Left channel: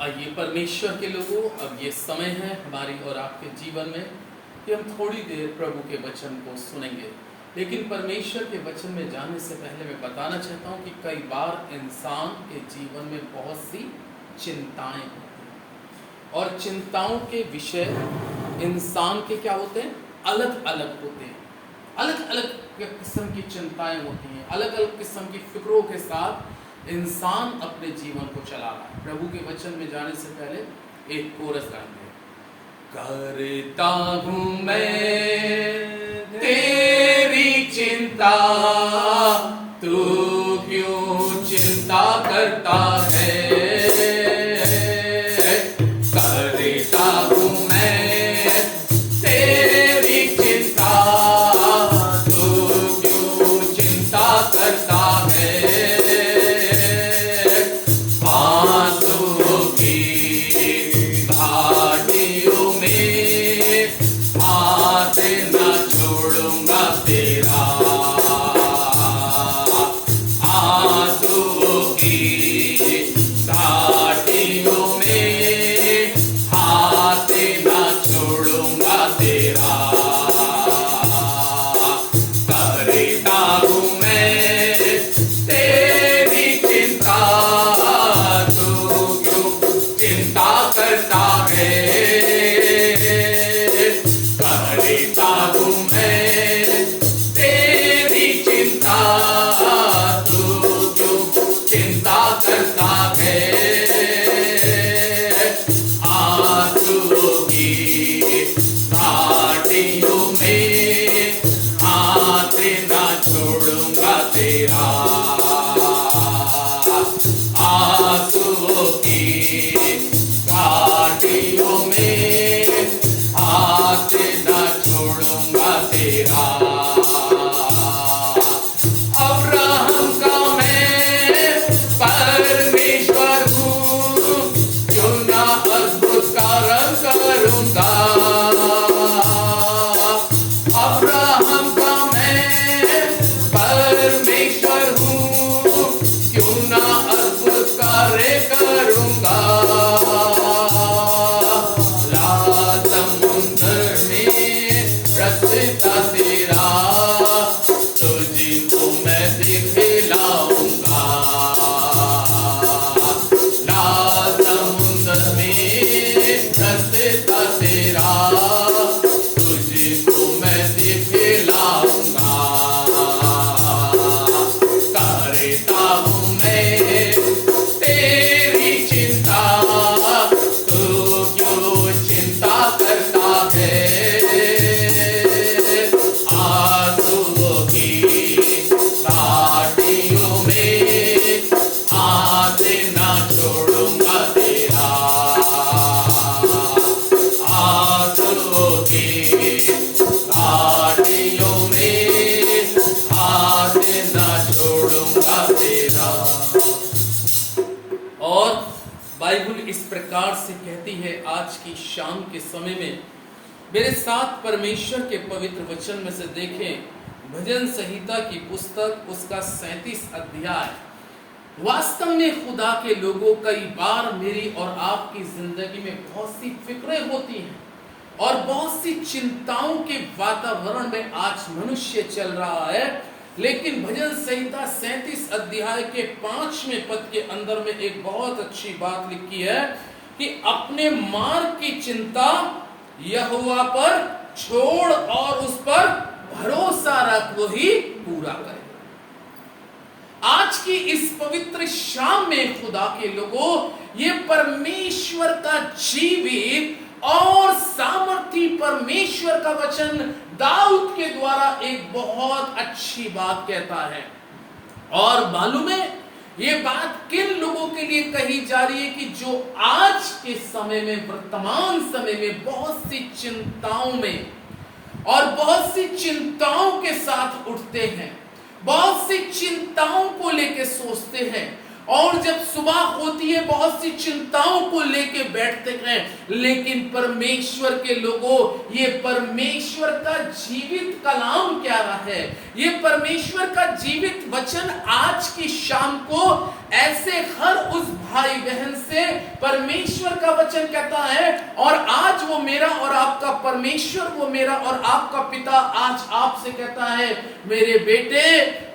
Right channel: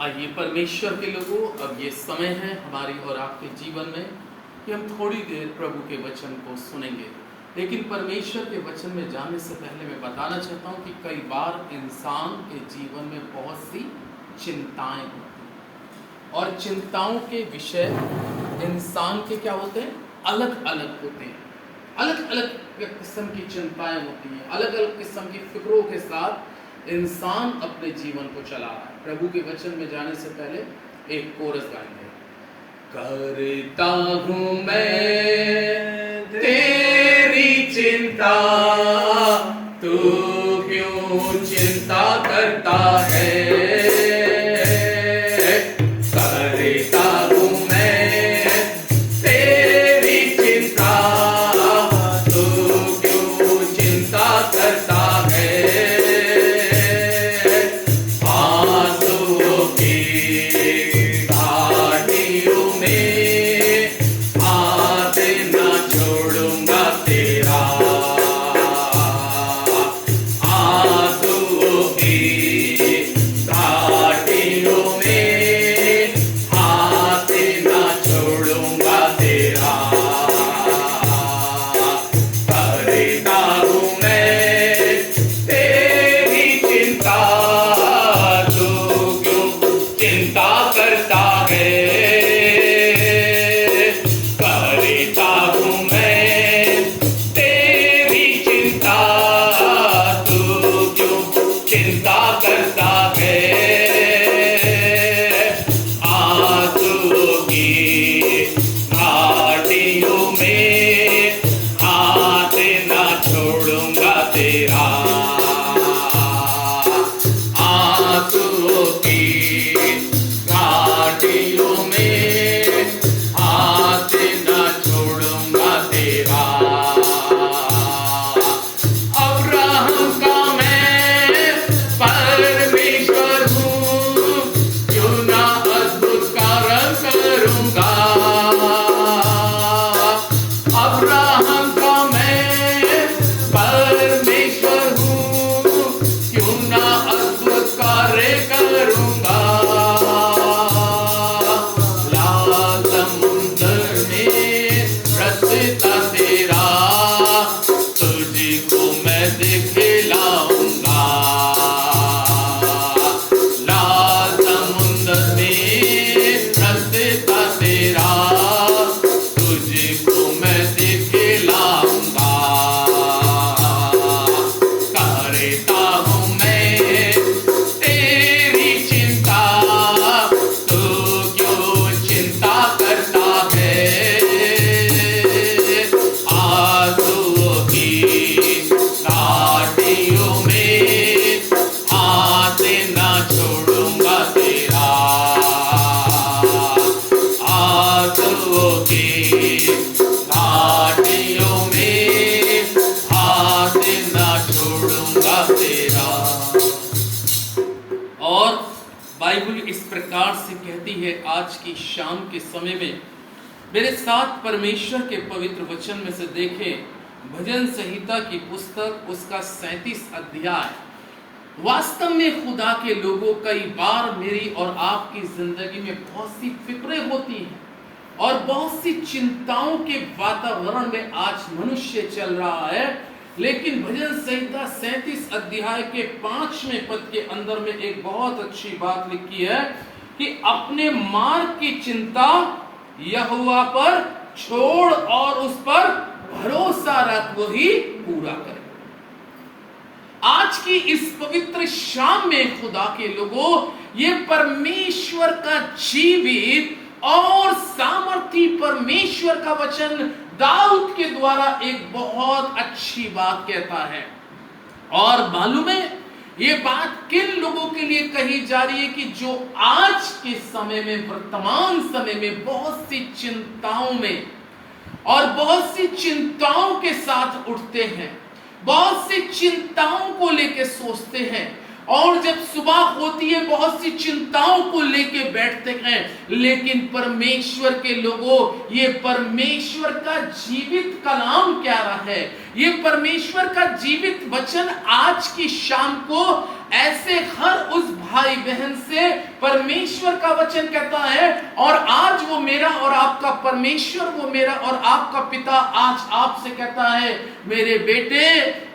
आइए परमेश्वर के लोगों, अब ये समय है हमारी और आपके जीवन में कि हम थोड़ी देर प्रभु के वचन को सुनेंगे। लेकिन परमेश्वर के वचन में जाने से पहले मैं बताना चाहता हूँ कि कई बार इंसान के जीवन में बहुत सी चिंताएं होती हैं और चिंताओं के विषय इंसान के क्या होते हैं, अलग अलग होते हैं। अलग अलग किस्म की चिंताएं होती हैं, अलग अलग किस्म की फिक्रों के साथ इंसान अपने जीवन को चला रहा है। प्रभु के वचन में जाने से पहले एक कोरस गाएंगे। करता हूँ मैं तेरी चिंता, तू क्यों चिंता करता है। आज की शाम के समय में मेरे साथ परमेश्वर के पवित्र वचन में से देखें भजन संहिता की पुस्तक उसका 37 अध्याय। वास्तव में खुदा के लोगों, कई बार मेरी और आपकी जिंदगी में बहुत सी फिक्रें होती हैं और बहुत सी चिंताओं के वातावरण में आज मनुष्य चल रहा है। लेकिन भजन संहिता 37 अध्याय के 5वें पद के अंदर में एक बहुत अच्छी बात लिखी है कि अपने मार्ग की चिंता यहोवा पर छोड़ और उस पर भरोसा रख, वो ही पूरा करे। आज की इस पवित्र शाम में खुदा के लोगों, ये परमेश्वर का जीवित और सामर्थी परमेश्वर का वचन दाऊद के द्वारा एक बहुत अच्छी बात कहता है। और मालूम है ये बात किन लोगों के लिए कही जा रही है कि जो आज के समय में, वर्तमान समय में बहुत सी चिंताओं में और बहुत सी चिंताओं के साथ उठते हैं, बहुत सी चिंताओं को लेके सोचते हैं और जब सुबह होती है बहुत सी चिंताओं को लेके बैठते हैं। लेकिन परमेश्वर के लोगों, ये परमेश्वर का जीवित कलाम क्या रहा है, ये परमेश्वर का जीवित वचन आज की शाम को ऐसे हर उस भाई बहन से परमेश्वर का वचन कहता है, और आज वो मेरा और आपका परमेश्वर, वो मेरा और आपका पिता आज आपसे कहता है, मेरे बेटे,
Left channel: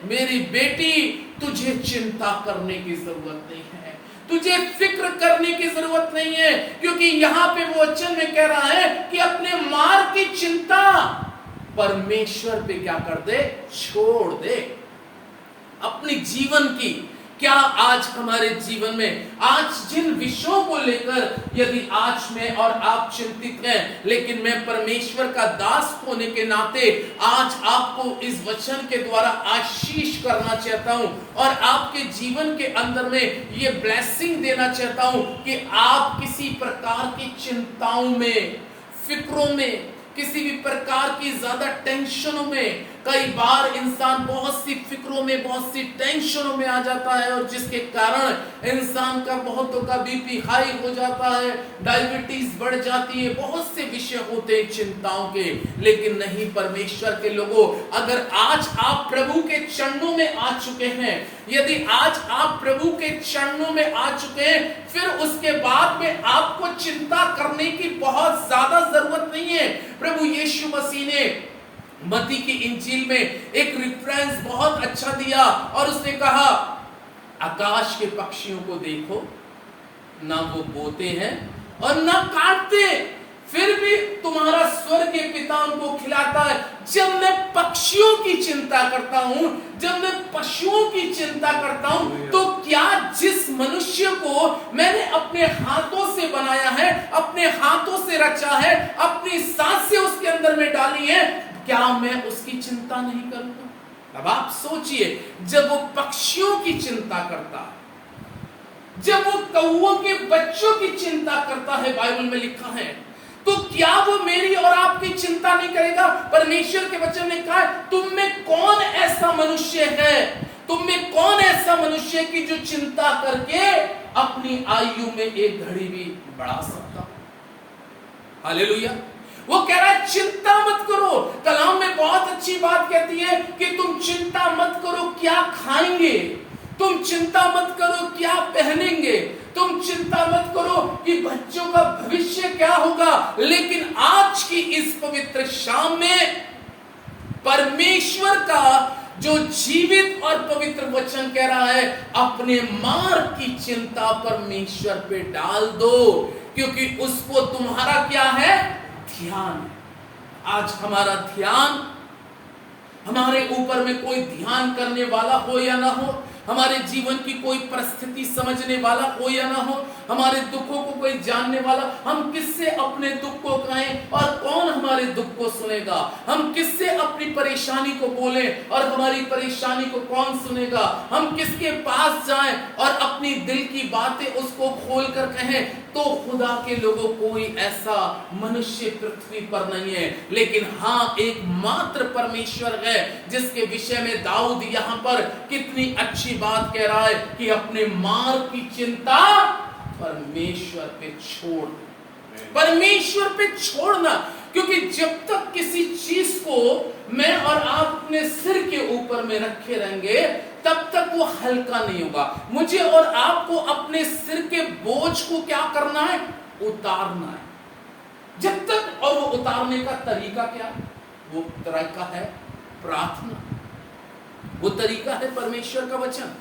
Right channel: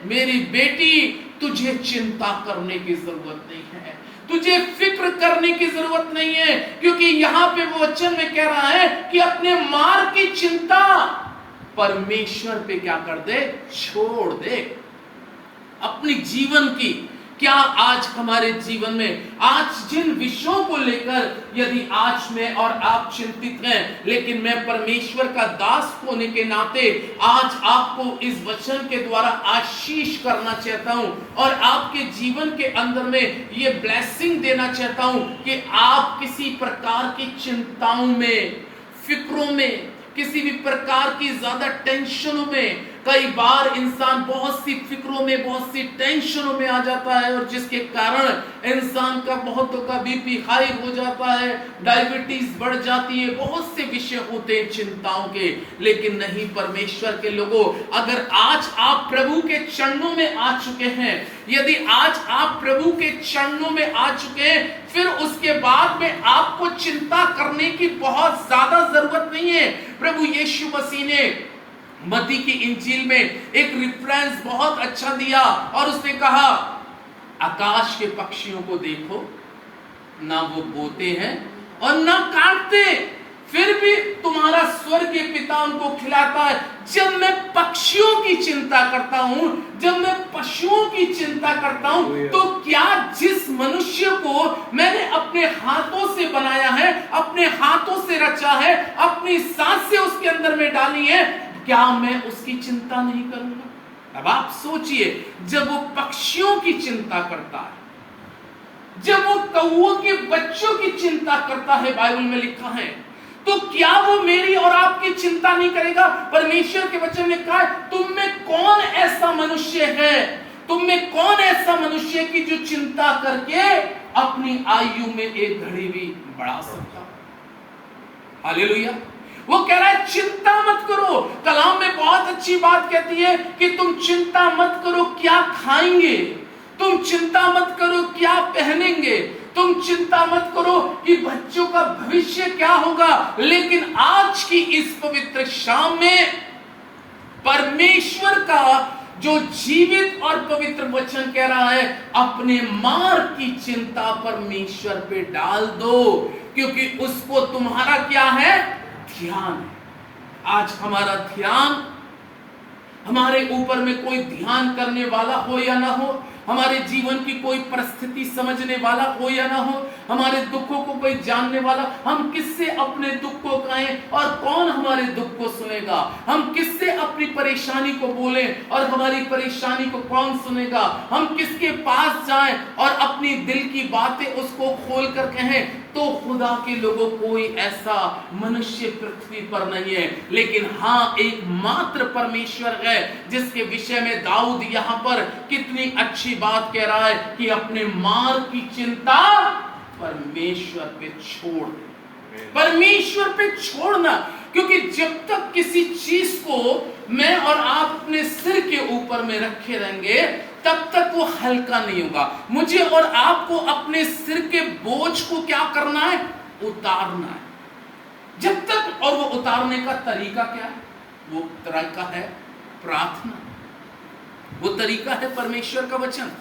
मेरी बेटी, तुझे चिंता करने की जरूरत नहीं है, तुझे फिक्र करने की जरूरत नहीं है, क्योंकि यहां पे वो वचन में कह रहा है कि अपने मार्ग की चिंता परमेश्वर पे क्या कर दे, छोड़ दे। अपनी जीवन की, क्या आज हमारे जीवन में आज जिन विषयों को लेकर यदि आज मैं और आप चिंतित हैं, लेकिन मैं परमेश्वर का दास होने के नाते आज आपको इस वचन के द्वारा आशीष करना चाहता हूं और आपके जीवन के अंदर में ये ब्लेसिंग देना चाहता हूं कि आप किसी प्रकार की चिंताओं में, फिक्रों में, किसी भी प्रकार की ज्यादा टेंशनों में, कई बार इंसान बहुत सी फिक्रों में, बहुत सी टेंशनों में आ जाता है, और जिसके कारण इंसान का बहुतों का बीपी हाई हो जाता है, डायबिटीज बढ़ जाती है, बहुत से विषय होते हैं चिंताओं के। लेकिन नहीं, परमेश्वर के लोगों, अगर आज आप प्रभु के चरणों में आ चुके हैं, यदि आज आप प्रभु के चरणों में आ चुके हैं, फिर उसके बाद में आपको चिंता करने की बहुत ज्यादा जरूरत नहीं है। प्रभु यीशु मसीह ने मत्ती की इंजील में एक रेफरेंस बहुत अच्छा दिया, और उसने कहा, आकाश के पक्षियों को देखो, ना वो बोते हैं और ना काटते, फिर भी तुम्हारा स्वर्गीय पिता उनको खिलाता है। जब मैं पक्षियों की चिंता करता हूं, जब मैं पशुओं की चिंता करता हूं, तो क्या जिस मनुष्य को मैंने अपने हाथों से बनाया है, अपने हाथों से रचा है, अपनी सांस से उसके अंदर में डाली है, क्या मैं उसकी चिंता नहीं करूंगा? अब आप सोचिए, जब वो पक्षियों की चिंता करता है, जब वो कौओं के बच्चों की चिंता करता है, बाइबल में लिखा है, तो क्या वो मेरी और आपकी चिंता नहीं करेगा? परमेश्वर के वचन ने कहा, तुम में कौन ऐसा मनुष्य है, तुम में कौन ऐसा मनुष्य है कि जो चिंता करके अपनी आयु में एक घड़ी भी बढ़ा सकता? हालेलुया। वो कह रहा है, चिंता मत करो। कलाम में बहुत अच्छी बात कहती है कि तुम चिंता मत करो क्या खाएंगे, तुम चिंता मत करो क्या पहनेंगे, तुम चिंता मत करो कि बच्चों का भविष्य क्या होगा। लेकिन आज की इस पवित्र शाम में परमेश्वर का जो जीवित और पवित्र वचन कह रहा है, अपने मार्ग की चिंता परमेश्वर पे डाल दो, क्योंकि उसको तुम्हारा क्या है, ध्यान है। आज हमारा ध्यान, हमारे ऊपर में कोई ध्यान करने वाला हो या ना हो, हमारे जीवन की कोई परिस्थिति समझने वाला हो या ना हो, हमारे दुखों को कोई जानने वाला, हम किससे अपने दुख को कहें और कौन हमारे दुख को सुनेगा, हम किससे अपनी परेशानी को बोलें और हमारी परेशानी को कौन सुनेगा, हम किसके पास जाएं और अपनी दिल की बातें उसको खोल कर कहें। तो खुदा के लोगों, कोई ऐसा मनुष्य पृथ्वी पर नहीं है, लेकिन हाँ, एक मात्र परमेश्वर है, जिसके विषय में दाऊद यहां पर कितनी अच्छी बात कह रहा है कि अपने मार्ग की चिंता परमेश्वर पे छोड़, परमेश्वर पे छोड़ना। क्योंकि जब तक किसी चीज को मैं और आप अपने सिर के ऊपर में रखे रहेंगे, तब तक वो हल्का नहीं होगा। मुझे और आपको अपने सिर के बोझ को क्या करना है, उतारना है। जब तक, और वो उतारने का तरीका क्या है, वो तरीका है प्रार्थना, वो तरीका है परमेश्वर का वचन,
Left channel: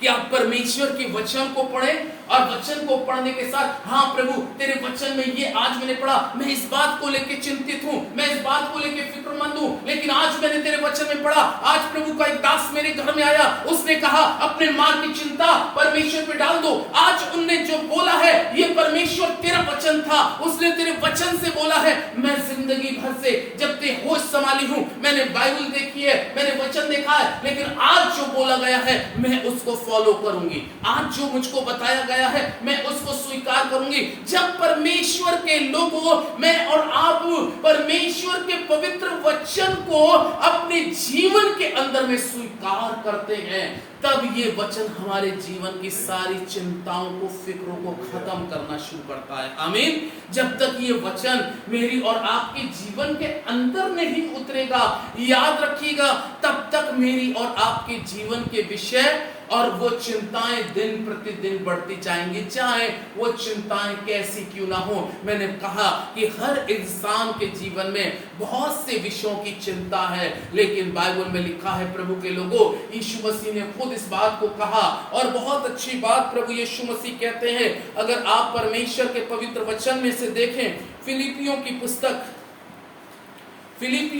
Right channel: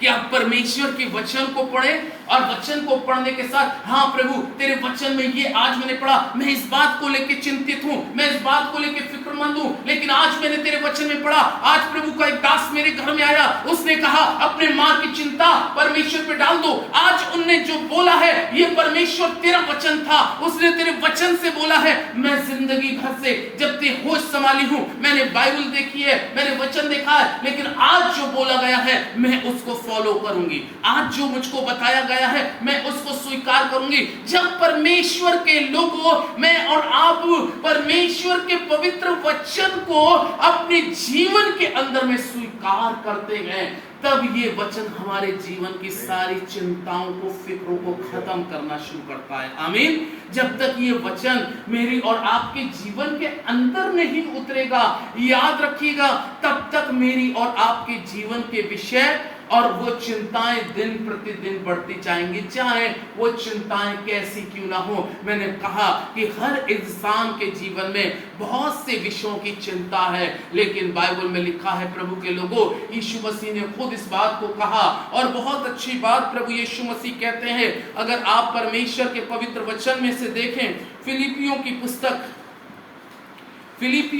कि आप परमेश्वर के वचन को पढ़ें, और वचन को पढ़ने के साथ, हाँ प्रभु, तेरे वचन में ये आज मैंने पढ़ा, मैं इस बात को लेकर चिंतित हूं, मैं इस बात को लेकर फिक्रमंद हूं, लेकिन आज मैंने तेरे वचन में पढ़ा, आज प्रभु का एक दास मेरे घर में आया, उसने कहा अपने मार्ग की चिंता परमेश्वर पे डाल दो। आज उनने जो बोला है, ये परमेश्वर तेरा वचन था, उसने तेरे वचन से बोला है। मैं जिंदगी भर से, जब ते होश संभाली हूं, मैंने बाइबल देखी है, मैंने वचन देखा है, लेकिन आज जो बोला गया है मैं उसको फॉलो करूंगी, आज जो मुझको बताया गया है मैं उसको स्वीकार करूंगी। जब परमेश्वर के लोगों, मैं और आप परमेश्वर के पवित्र वचन को अपने जीवन के अंदर में स्वीकार करते हैं, तब ये वचन हमारे जीवन की सारी चिंताओं को, फिक्रों को खत्म करना शुरू करता है। आमीन। जब तक ये वचन मेरी और आपके जीवन के अंदर नहीं उतरेगा, याद रखिएगा, तब तक मेरी और आपके जीवन के विषय और वो चिंताएं दिन प्रतिदिन बढ़ती जाएंगी, चाहे वो चिंताएं कैसी क्यों ना हो। मैंने कहा कि हर इंसान के जीवन में बहुत से विषयों की चिंता है, लेकिन बाइबल में लिखा है प्रभु के लोगों, यीशु मसीह ने खुद इस बात को कहा, और बहुत अच्छी बात प्रभु यीशु मसीह कहते हैं। अगर आप परमेश्वर के पवित्र वचन में से देखें, फिलिपियों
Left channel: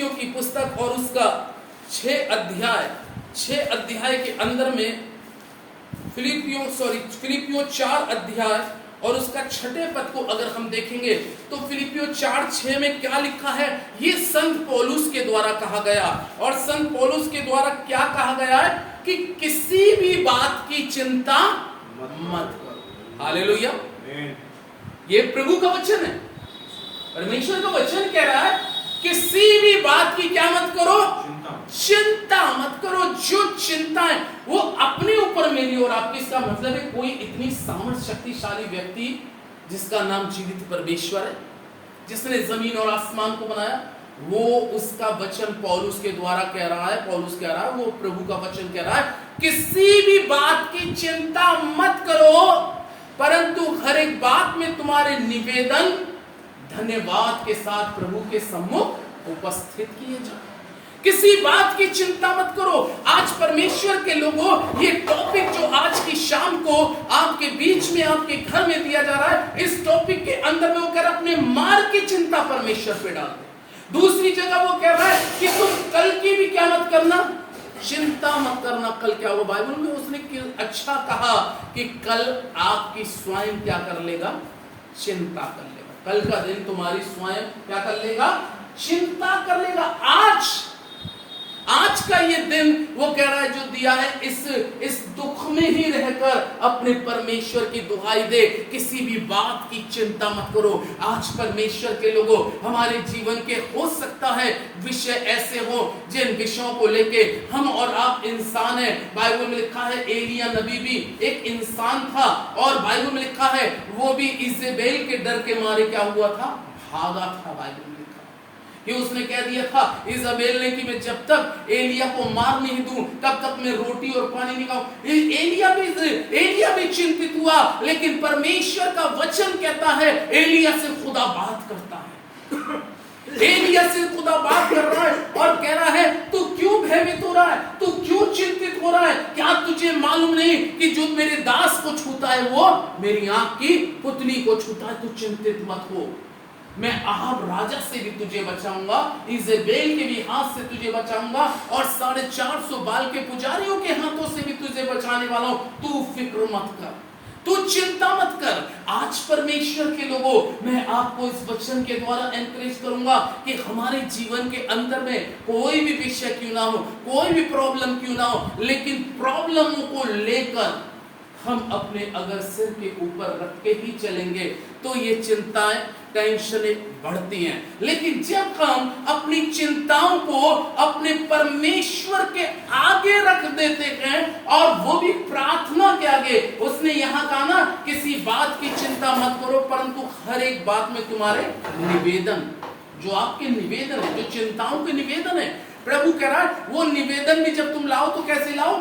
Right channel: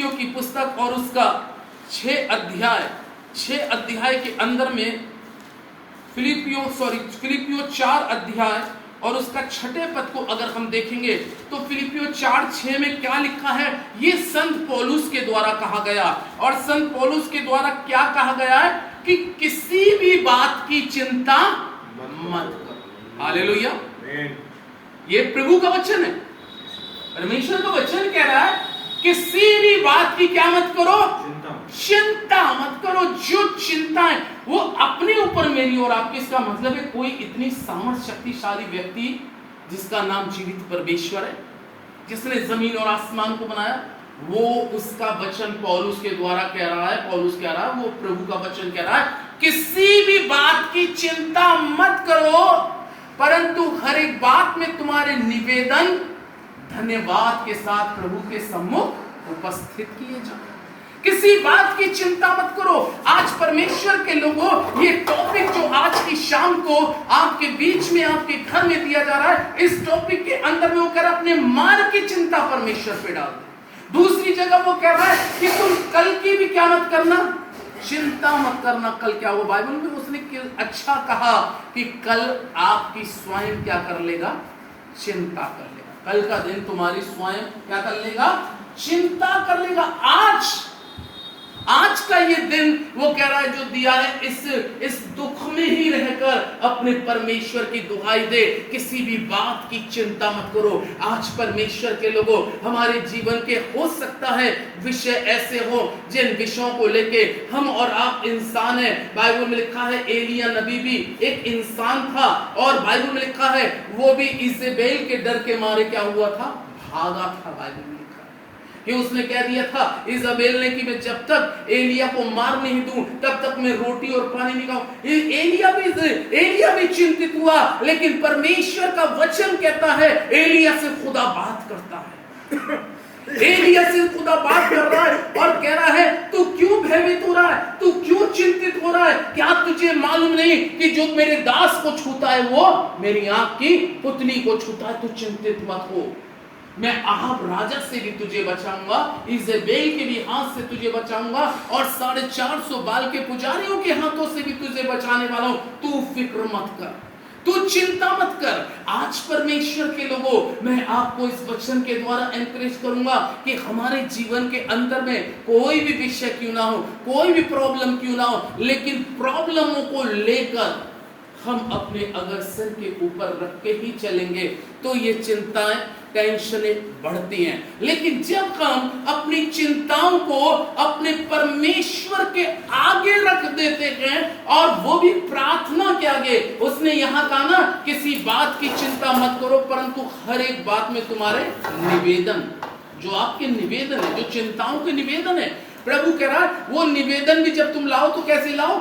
की पुस्तक और उसका 6 अध्याय के अंदर में, फिलिपियों 4 अध्याय और उसका 6 पद को अगर हम देखेंगे तो फिलिपियों 4:6 में क्या लिखा है, ये संत पौलुस के द्वारा कहा गया। और संत पौलुस के द्वारा क्या कहा गया है कि किसी भी बात की चिंता मत करो। हालेलुया, ये प्रभु का वचन है, परमेश्वर का वचन कह रहा है किसी भी बात की क्या मत करो, चिंता मत करो। जो चिंता है वो अपने ऊपर मेरी और आपकी, इसका मतलब है कोई इतनी सामर्थ शक्तिशाली व्यक्ति जिसका नाम जीवित परमेश्वर है, जिसने जमीन और आसमान को बनाया, वो उसका वचन पौलुस के द्वारा कह रहा है, पौलुस कह रहा है, वो प्रभु का वचन कह रहा है, किसी भी बात की चिंता मत करो, परंतु हर एक बात में तुम्हारे निवेदन धन्यवाद के साथ प्रभु के सम्मुख उपस्थित किए जाओ। किसी बात की चिंता मत करो। आज परमेश्वर के लोगों, ये टॉपिक जो आज की शाम को आपके बीच में आपके घर में दिया जा रहा है, इस टॉपिक के अंदर में वो कह रहा है अपने मार्ग की चिंता परमेश्वर पे डाल दो। दूसरी जगह वो कह रहा है कि तुम कल की भी क्या मत करना, चिंता मत करना। कल क्या हुआ, बाइबल में उसने अच्छा कहा कि कल आपकी स्वयं क्या कर लेगा, चिंता कर लेगा। कल का दिन तुम्हारी स्वयं क्या कर लेगा, चिंता कर लेगा। आज का ये दिन वो कह रहा है जो दिया है, इस दुख में ही रहकर अपने परमेश्वर की दुहाई दे, किसी भी बात की चिंता मत करो। आज परमेश्वर के लोगों, हमारे जीवन के हो सकता है विषय ऐसे हो जिन विषयों को लेके हम और आप इंसान है। बाइबल में लिखा है एलिया नबी भी एक इंसान था, और बाइबल में लिखा है वो भी इजेबेल के डर के मारे क्या हुआ था, भागा था। बाइबल कि उसने कह दिया था इजाबेल ने कि मैं जब तक एलिया को मार नहीं दूं तब तक मैं रोटी और पानी नहीं खाऊं। एलिया भी चिंतित हुआ, लेकिन परमेश्वर का वचन कहता है एलिया से खुदा बात करता है। एलिया से खुदा बात कर रहा है और कह रहा है तू क्यों भयभीत हो रहा है, तू क्यों चिंतित हो रहा है, क्या तुझे मालूम नहीं कि जो मेरे दास को छूता है वो मेरी आंख की पुतली को छूता है। तू चिंतित मत हो, मैं अहाब राजा से भी तुझे बचाऊंगा, इजेबेल के भी हाथ से तुझे बचाऊंगा, और 450 बाल के पुजारियों के हाथों से भी तुझे बचाने वाला हूं। तू फिक्र मत कर, तू चिंता मत कर। आज परमेश्वर के लोगों, मैं आपको इस वचन के द्वारा एनकरेज करूंगा कि हमारे जीवन के अंदर में कोई भी विषय क्यों ना हो, कोई भी प्रॉब्लम क्यों ना हो, लेकिन प्रॉब्लमों को लेकर हम अपने अगर सिर के ऊपर रख के ही चलेंगे तो ये चिंताएं, टेंशनें बढ़ती हैं। लेकिन जब हम अपनी चिंताओं को अपने परमेश्वर के आगे रख देते हैं, और वो भी प्रार्थना के आगे, उसने यहां कहा ना किसी बात की चिंता मत करो, परंतु हर एक बात में तुम्हारे निवेदन, जो आपके निवेदन है, जो चिंताओं के निवेदन है, प्रभु कह रहा है वो निवेदन भी जब तुम लाओ तो कैसे लाओ,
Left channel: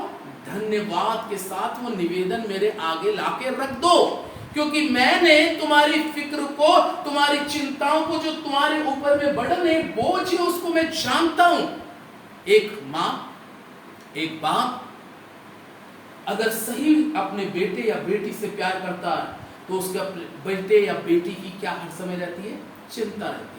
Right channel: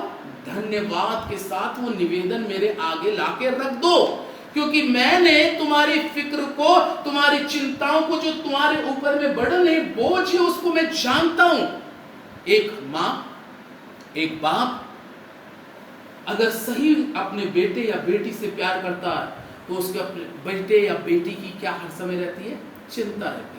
धन्यवाद के साथ वो निवेदन मेरे आगे लाके रख दो, क्योंकि मैंने तुम्हारी फिक्र को, तुम्हारी चिंताओं को, जो तुम्हारे ऊपर में बर्डन है, बोझ है, उसको मैं जानता हूं। एक मां, एक बाप अगर सही अपने बेटे या बेटी से प्यार करता है तो उसके अपने बेटे या बेटी की क्या हर समय रहती है, चिंता रहती है।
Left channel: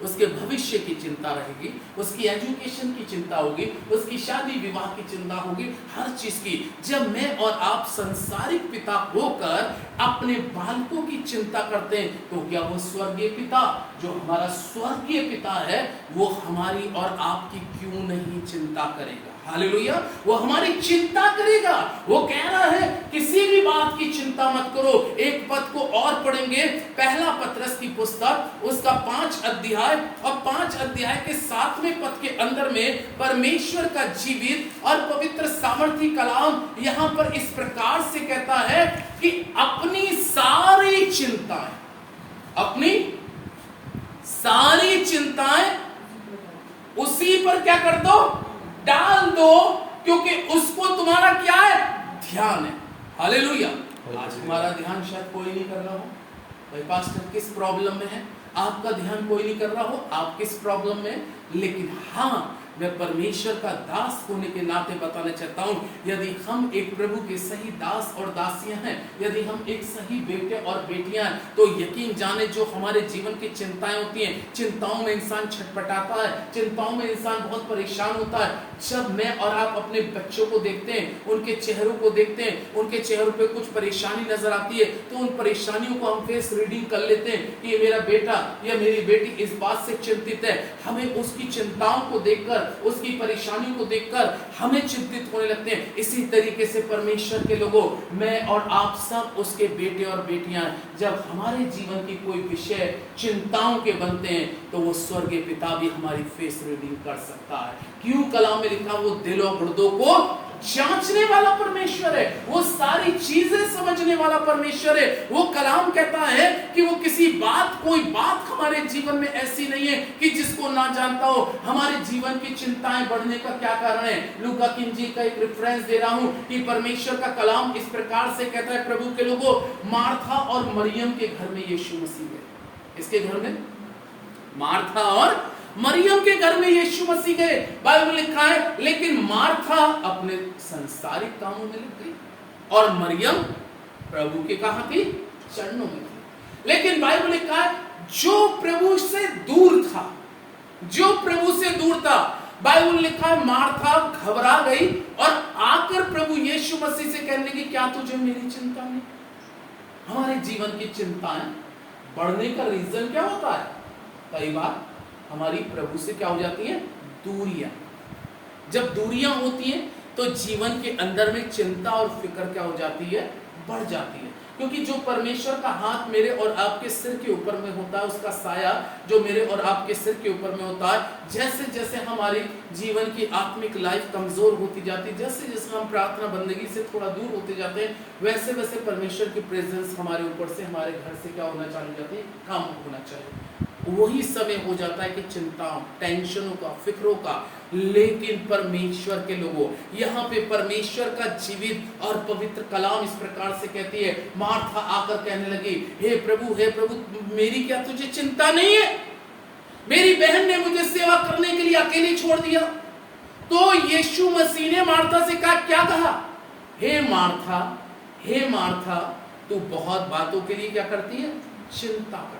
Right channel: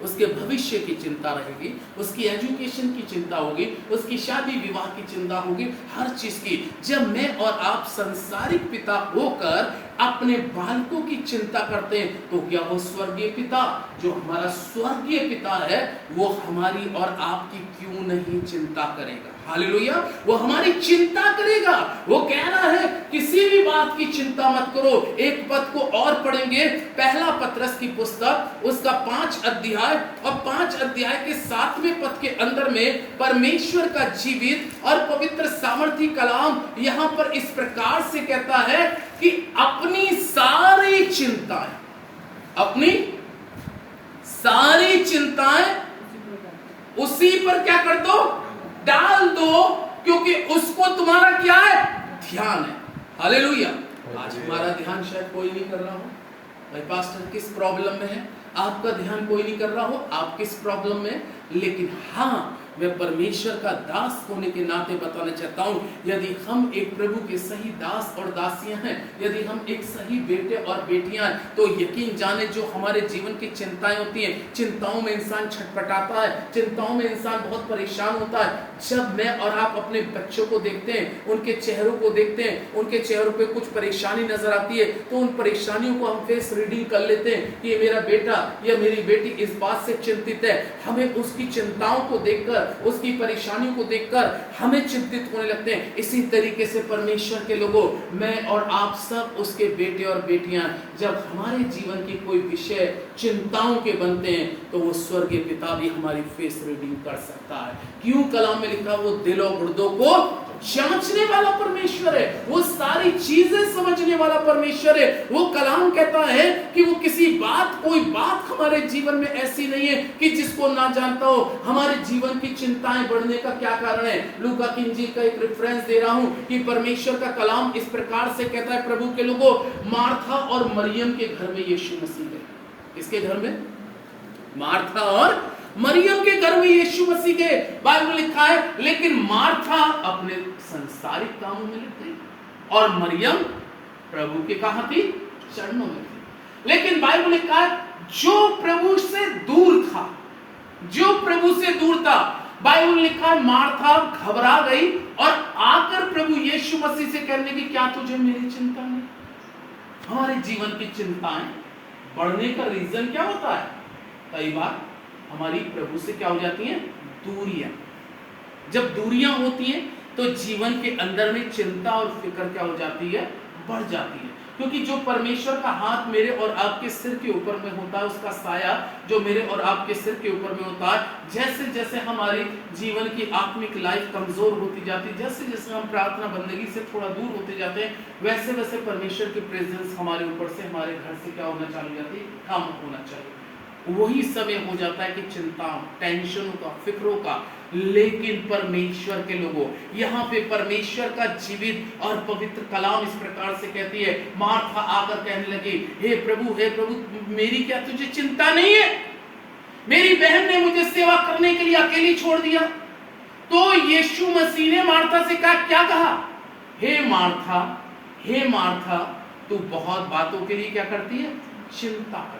उसके भविष्य की चिंता रहेगी, उसकी एजुकेशन की चिंता होगी, उसकी शादी विवाह की चिंता होगी, हर चीज की। जब मैं और आप संसारिक पिता होकर अपने बालकों की चिंता करते हैं तो क्या वो स्वर्गीय पिता, जो हमारा स्वर्गीय पिता है, वो हमारी और आपकी क्यों नहीं चिंता करेगा। हालेलुया, वो हमारी चिंता करेगा। वो कह रहा है किसी भी बात की चिंता मत करो। एक पद को और पढ़ेंगे, पहला पत्रस की पुस्तक उसका 5 अध्याय और 5 अध्याय के 7वें पद के अंदर में परमेश्वर का जीवित और पवित्र सामर्थी कलाम यहां पर इस प्रकार से कहता है कि अपनी सारी चिंताएं उसी पर क्या कर दो, डाल दो, क्योंकि उसको तुम्हारा क्या है, ध्यान है। हालेलुया। आज हमारा ध्यान शायद कोई नहीं कर रहा हो। भाई पास्टर किस प्रॉब्लम में है, आपका ध्यान कोई नहीं कर रहा हो, आप किस प्रॉब्लम में, लेकिन हाँ मैं परमेश्वर का दास होने के नाते बताना चाहता हूं, यदि हम एक प्रभु के सही दास और दासियां हैं, यदि हम एक सही बेटे और बेटियां हैं, तो यकीन जाने जो हमारे जीवन की चिंताएं होती हैं, चिंताओं में इंसान छटपटाता है, चिंताओं में इंसान बहुत परेशान होता है। जब मैं और आप अपने बच्चों को देखते हैं, उनके चेहरों को देखते हैं, उनके चेहरों पे कुछ परेशानी नजर आती है, तो उन परेशानियों को हम फेस रीडिंग कर लेते हैं कि ये मेरा बेटा या मेरी बेटी इस बात से चिंतित है। हमें उसकी चिंताओं को देखकर, उसकी परेशानियों को देखकर हमें चिंतित होने लगते हैं। इसी तरीके से परमेश्वर के लोगों, मैं और आप सब उसके बेटे और बेटियां, जब हमारे जीवन की कोई विषय चिंताओं के बनते हैं, तो वो स्वर्गीय पिता भी हमारी फेस रीडिंग कर सकता है। क्यों कलाम में लिखा, वो दिलों गुर्दों को जांचने वाला परमेश्वर है, वो सारी चीजें समझने वाला परमेश्वर है। वो कलाम कहता है कि वो किसी बात, कोई बात हमारे जीवन में ऐसी नहीं है कि जिसको ना जानता हो। हमारे जीवन की चिंताएं बढ़ने का क्या कारण है? लूका की इंजील का एक रेफरेंस दे रहा हूं कि परमेश्वर का कलाम इस प्रकार से कहता है, प्रभु के लोगों, मार्था और मरियम के घर में यीशु मसीह गए। किसके घर में? मार्था और मरियम के घर में यीशु मसीह गए। बाइबल लिखा है, लेकिन मार्था अपने सांसारिक कामों में लग गई और मरियम प्रभु के कहां थी? चरणों में थी। लेकिन बाइबल लिखा है, जो प्रभु से दूर था, जो प्रभु से दूर था, बाइबल लिखा है मार्था घबरा गई और आकर प्रभु यीशु मसीह से कहने लगी, क्या तुझे मेरी चिंता नहीं? हमारे जीवन की चिंताएं बढ़ने का रीजन क्या होता है? कई बार हमारी प्रभु से क्या हो जाती हैं? दूरियां। जब दूरियां होती हैं तो जीवन के अंदर में चिंता और फिक्र क्या हो जाती है? बढ़ जाती है। क्योंकि जो परमेश्वर का हाथ मेरे और आपके सिर के ऊपर में होता है, उसका साया जो मेरे और आपके सिर के ऊपर में होता है, जैसे जैसे हमारे जीवन की आत्मिक लाइफ कमजोर होती जाती है, जैसे जैसे हम प्रार्थना बंदगी से थोड़ा दूर होते जाते हैं, वैसे वैसे परमेश्वर की प्रेजेंस हमारे ऊपर से, हमारे घर से क्या होना चालू हो जाती है? कम होना चाहिए। वही समय हो जाता है कि चिंताओं, टेंशनों का, फिक्रों का। लेकिन परमेश्वर के लोगों, यहाँ पे परमेश्वर का जीवित और पवित्र कलाम इस प्रकार से कहती है, मार्था आकर कहने लगी, हे प्रभु, मेरी क्या तुझे चिंता नहीं है? मेरी बहन ने मुझे सेवा करने के लिए अकेली छोड़ दिया। तो यीशु मसीह ने मार्था से कहा, क्या कहा? हे मार्था, तू बहुत बातों के लिए क्या करती है? चिंता करती है,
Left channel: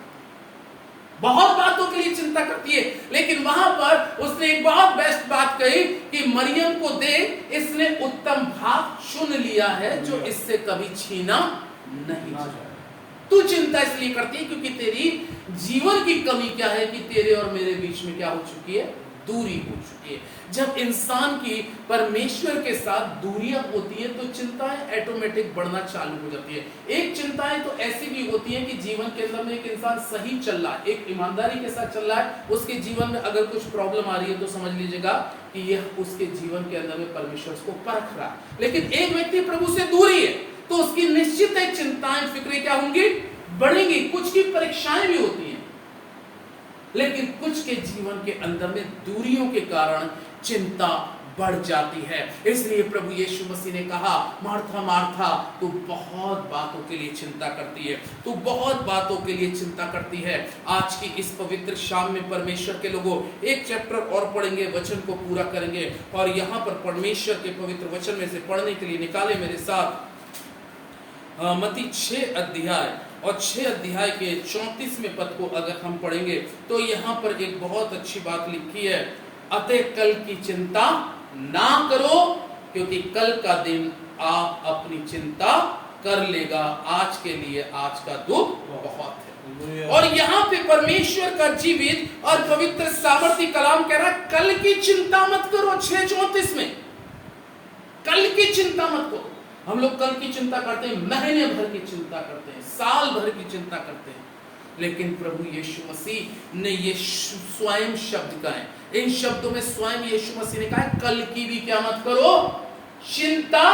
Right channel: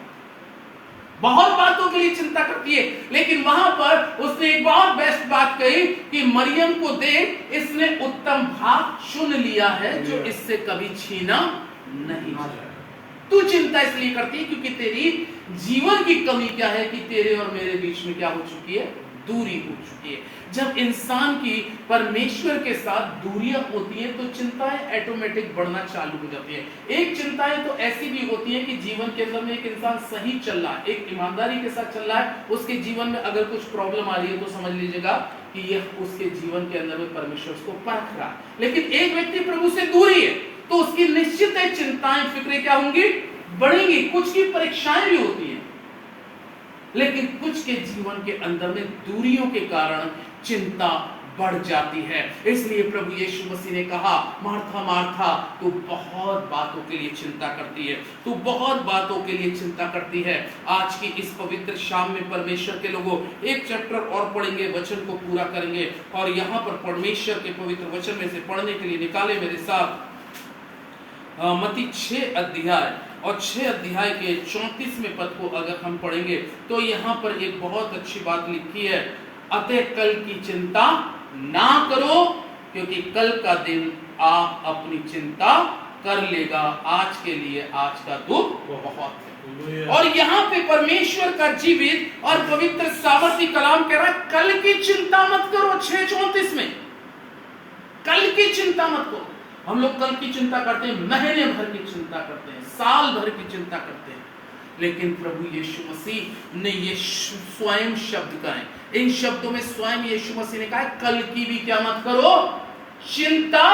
बहुत बातों के लिए चिंता करती है। लेकिन वहां पर उसने एक बहुत बेस्ट बात कही कि मरियम को देख, इसने उत्तम भाग चुन लिया है जो इससे कभी छीना नहीं जाएगा। तू चिंता इसलिए करती है क्योंकि तेरी जीवन की कमी क्या है कि तेरे और मेरे बीच में क्या हो चुकी है? दूरी हो चुकी है। जब इंसान की परमेश्वर के साथ दूरियां होती है तो चिंताएं ऑटोमेटिक बढ़ना चालू हो जाती है। एक चिंताएं तो ऐसी भी होती है कि जीवन के अंदर में एक इंसान सही चल रहा है, एक ईमानदारी के साथ चल रहा है, उसके जीवन में अगर कुछ प्रॉब्लम आ रही है तो समझ लीजिएगा कि यह उसके जीवन के अंदर में परमेश्वर उसको परख रहा है। लेकिन एक व्यक्ति प्रभु से दूरी है तो उसकी निश्चित है चिंताएं, फिक्रें क्या होंगी? बढ़ेंगी। कुछ की परीक्षाएं भी होती हैं, लेकिन कुछ के जीवन के अंदर में दूरियों के कारण चिंता बढ़ जाती है। इसलिए प्रभु यीशु मसीह ने कहा, मार्था मार्था, तू बहुत बातों के लिए चिंता करती है, तू बहुत बातों के लिए चिंता करती है। आज की इस पवित्र शाम में परमेश्वर के लोगों, एक चैप्टर और पढ़ेंगे, वचन को पूरा करेंगे और यहाँ पर परमेश्वर के पवित्र वचन में से पढ़ने के लिए निकाले मेरे साथ मत्ती 6 अध्याय और 6 अध्याय के 34वें पद को अगर हम पढ़ेंगे तो यहाँ पर एक बहुत अच्छी बात लिखी है, अतः कल की चिंता ना करो क्योंकि कल का दिन आप अपनी चिंता कर लेगा, आज के लिए आज का दुख बहुत है। और यहाँ पे परमेश्वर का जीवित और पवित्र सामर्थी कलाम कह रहा है, कल की चिंता मत करो। 6:34 में कल की चिंता मत करो। हम लोग कल की चिंता करते हैं, महीने भर की चिंता करते हैं, साल भर की चिंता करते हैं, लेकिन प्रभु यीशु मसीह ने ये स्वयं शब्द कहे। इन शब्दों में स्वयं यीशु मसीह ने कहा, कल की भी क्या मत करो? चिंता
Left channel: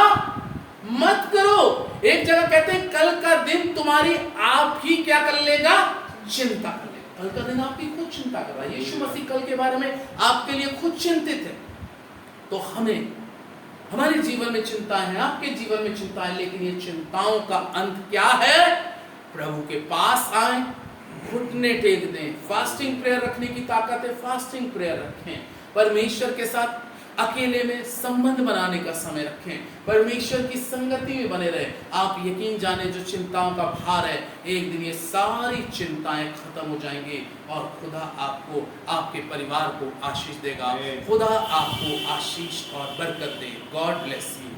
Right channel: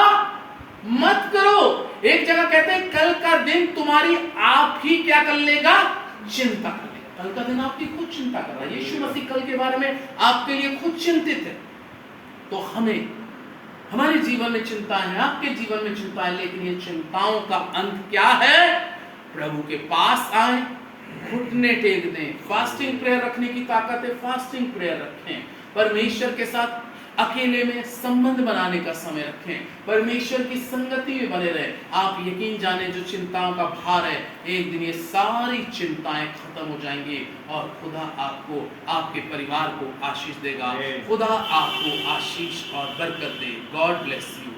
मत करो। एक जगह कहते हैं, कल का दिन तुम्हारी आप ही क्या कर लेगा? चिंता कर लेगा। कल का दिन आपकी खुद चिंता कर रहा है। यीशु मसीह कल के बारे में आपके लिए खुद चिंतित है। तो हमें हमारे जीवन में चिंताएं हैं, आपके जीवन में चिंताएं, लेकिन ये चिंताओं का अंत क्या है? प्रभु के पास आए, घुटने टेक दें। फास्टिंग प्रेयर रखने की ताकत है, फास्टिंग प्रेयर रखें। परमेश्वर के साथ अकेले में संबंध बनाने का समय रखें, परमेश्वर की संगति में बने रहे। आप यकीन जाने जो चिंताओं का भार है, एक दिन ये सारी चिंताएं खत्म हो जाएंगी और खुदा आपको, आपके परिवार को आशीष देगा। खुदा आपको आशीष और बरकत दे। God bless you.